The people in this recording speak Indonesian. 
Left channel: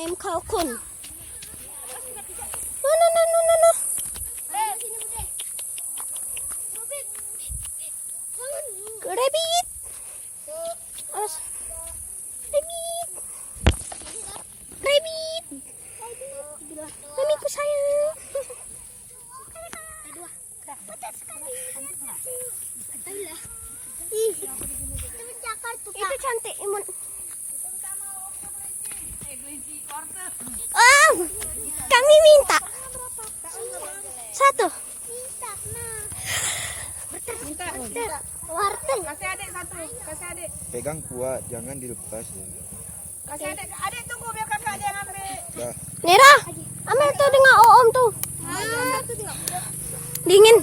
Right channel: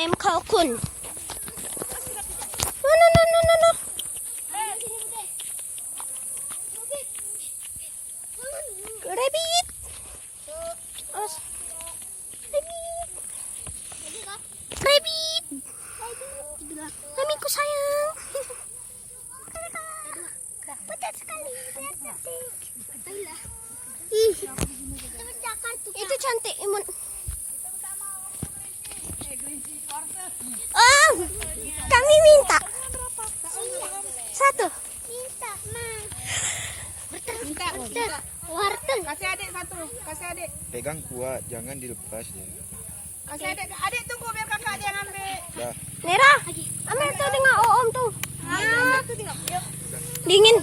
Ayam kalkun. No. Rabbit. Oh. Rabbit. Mamiku sayang. Itu cantik, Imun. Oh, kami minta satu. Wortel. Kasih adik satu. Kasih adik. Pegang kuat, jangan dilepas. Kasih adik. Adik tunggu biar kakak dia ngambil. Nera, ambil tuh dengan Om tuh. Dingin.